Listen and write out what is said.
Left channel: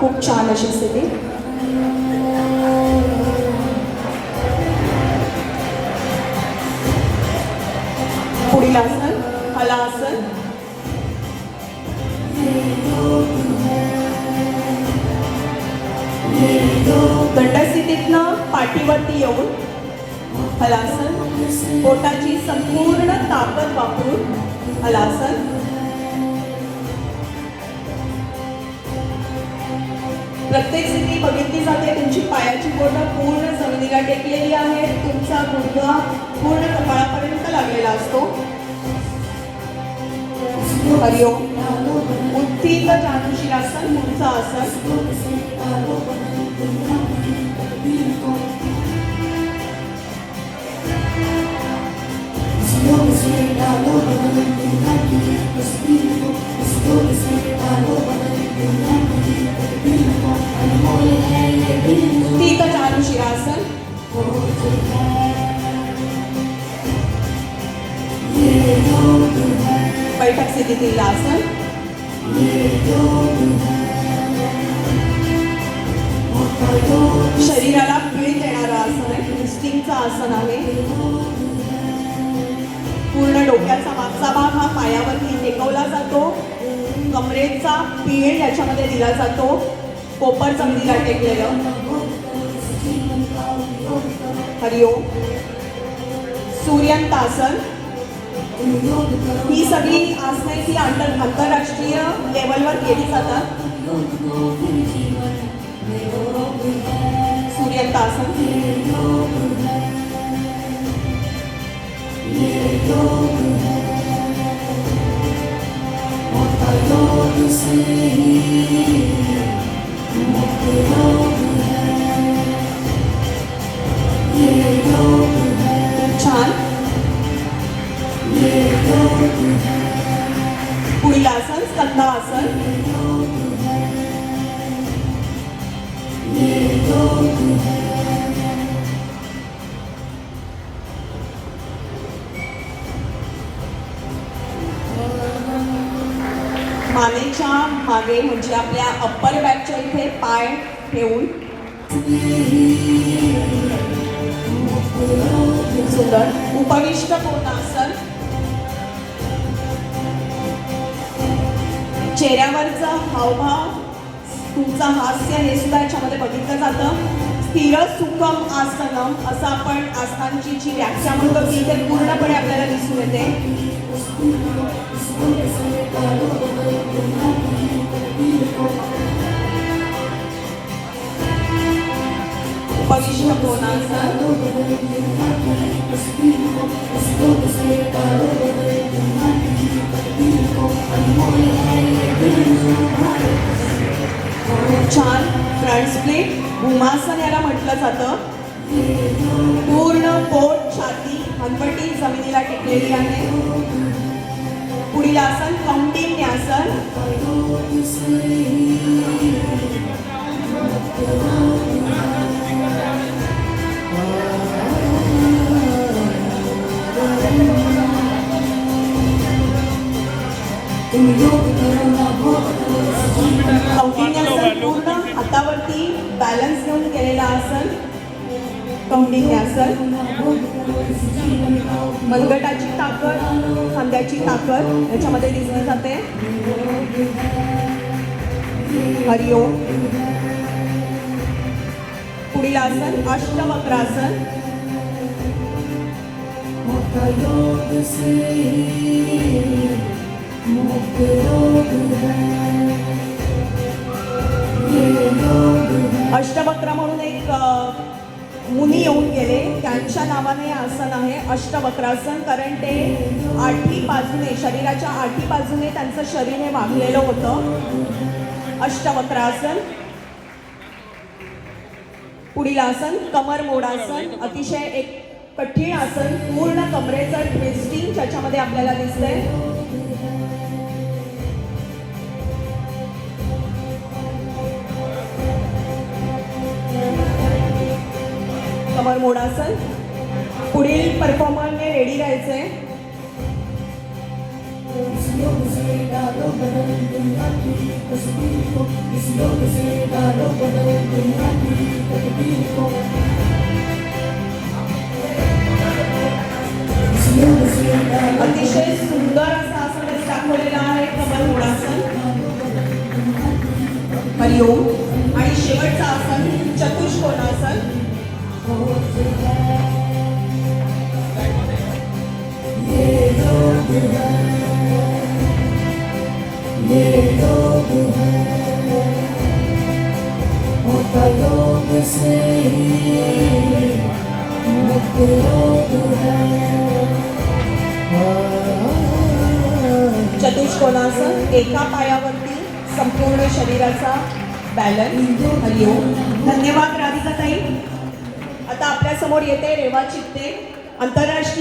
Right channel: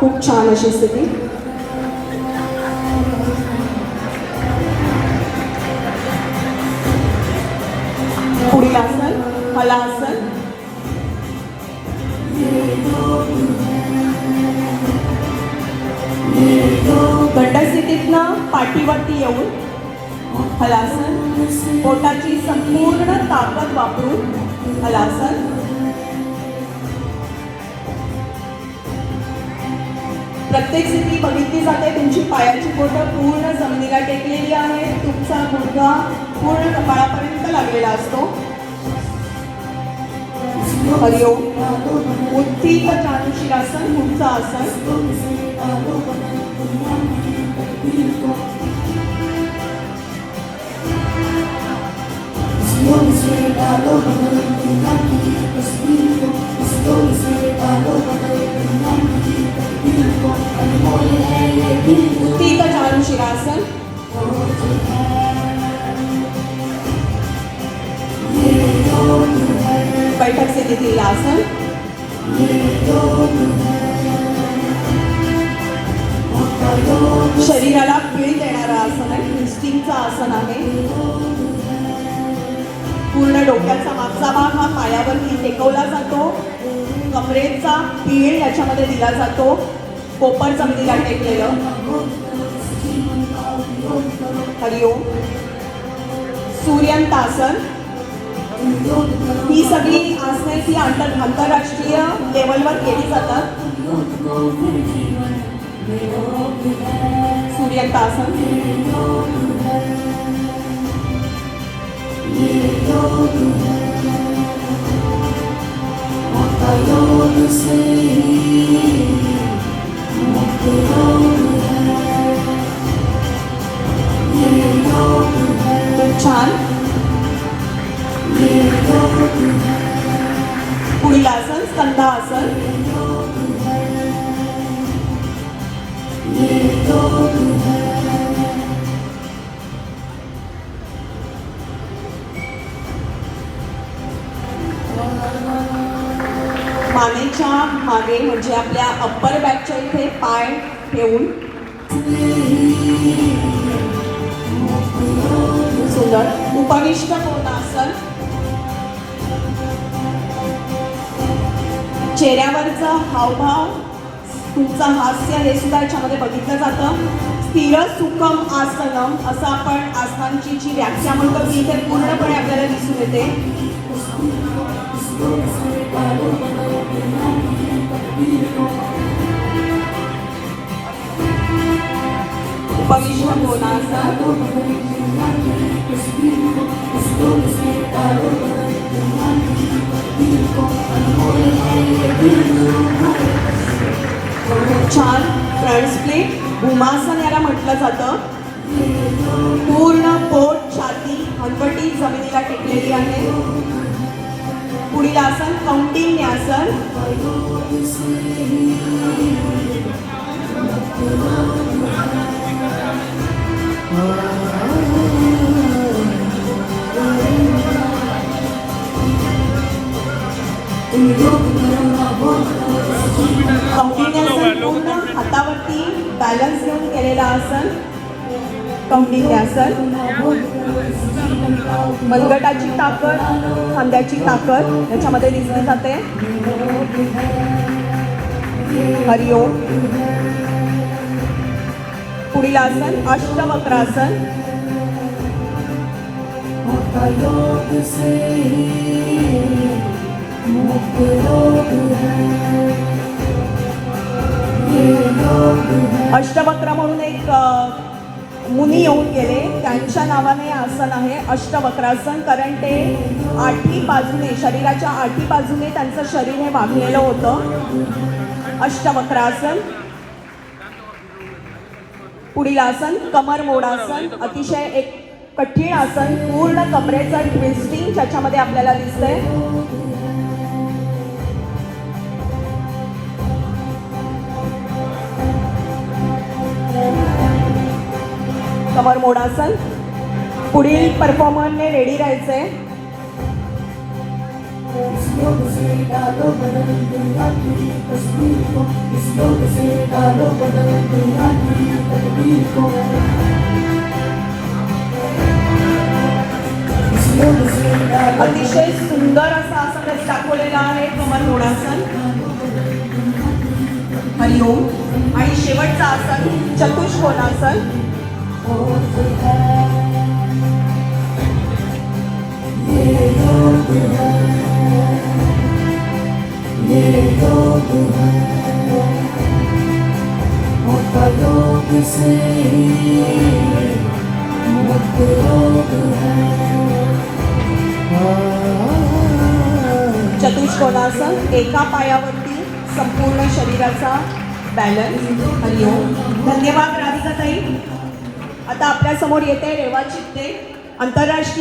खूप छान अशी स्थिती. पुढील आसन हलासन. दंडस्थितीतनं पाठीवरती येऊन हलासन. पोटाची संपूर्ण ताकद वापरून हलासन. प्रत्येक स्थिती बघितली जाते. तुमची पायाची बोटं पूर्ण जमिनीला टेकलेली आहे. तुमचा गुडघा पूर्ण कपाळापर्यंत लागलेला असतो. हरिओम. उत्थित जानुशिरासन पुढचं आसन. उत्थित जानुशिरासन. बैठक स्थितीतील आसन. शरीराला पीळ देणारं आसन आहे. ट्विस्टिंगचं आसन आहे. पूर्ण डोक्याचा मागचा भाग हा पायावरती टेकवला जातो. कमरेचा पीळ याच्यामध्ये दिला जातो. कोपर जमिनीला टेकलेलं. हरिओम. सूर्यंतासन. ही सगळी आसनं ही आंतरराष्ट्रीय लेवलवर केली जातात. सूर्यंतासन. छान. पुढील आसन स्कंधासन. मानेच्या मागे म्हणजे आपल्या अप्पर बॅकच्या इथे पाय ठेवून सुंदर. उपविष्ट कोणासन. चेहऱ्यावरचं हावभाव तुमचं हास्य हे सुद्धा याच्यामध्ये बघितलं जातं. स्थिर सुखम आसनम असं आपण आसनांची जी व्याख्या म्हणतो ती इथे पूर्णपणे आपल्याला दिसून येते. उपविष्ट कोणासन. छान. फ्रंट स्प्लिट भूमासन याला म्हटलं जातं. पूर्ण पोट छाती हनवटी जमिनीला टेकलेली आहे. पुढील आसन कौंडिन्यासन. कौंडिन्यासन पूर्ण हातावरती बॅलन्स घेऊन केलेलं आसन. कौंडिन्यासन. मनगटाची ताकद खांद्याची ताकद याच्यामध्ये दिसली जाते. हरिओम. पुढील आसन अष्टवक्रासन. अष्टवक्र म्हणून एक मुनी येऊन गेले. त्यांच्या नावाने आसन आहे अष्टवक्रासन. कारण ते आठी बाजूने शरीराच्या आठी बाजूने त्यांचं शरीर हे वाकलेलं होतं. अष्टवक्रासन. पुढील आसन कमर मोडासन. अतिशय एक कठीण आसन. पूर्ण कमरेचं ट्विस्टिंग त्याच्यामध्ये आपल्याला दिसतंय. कमर मोडासन. पुढील परफॉर्मरने रेडी राहायचंय. बॅलन्स. हरिओम. धन्यवाद राधिकाताई. आता आपल्या समोर येते रेवा चित्ते, आंतरराष्ट्रीय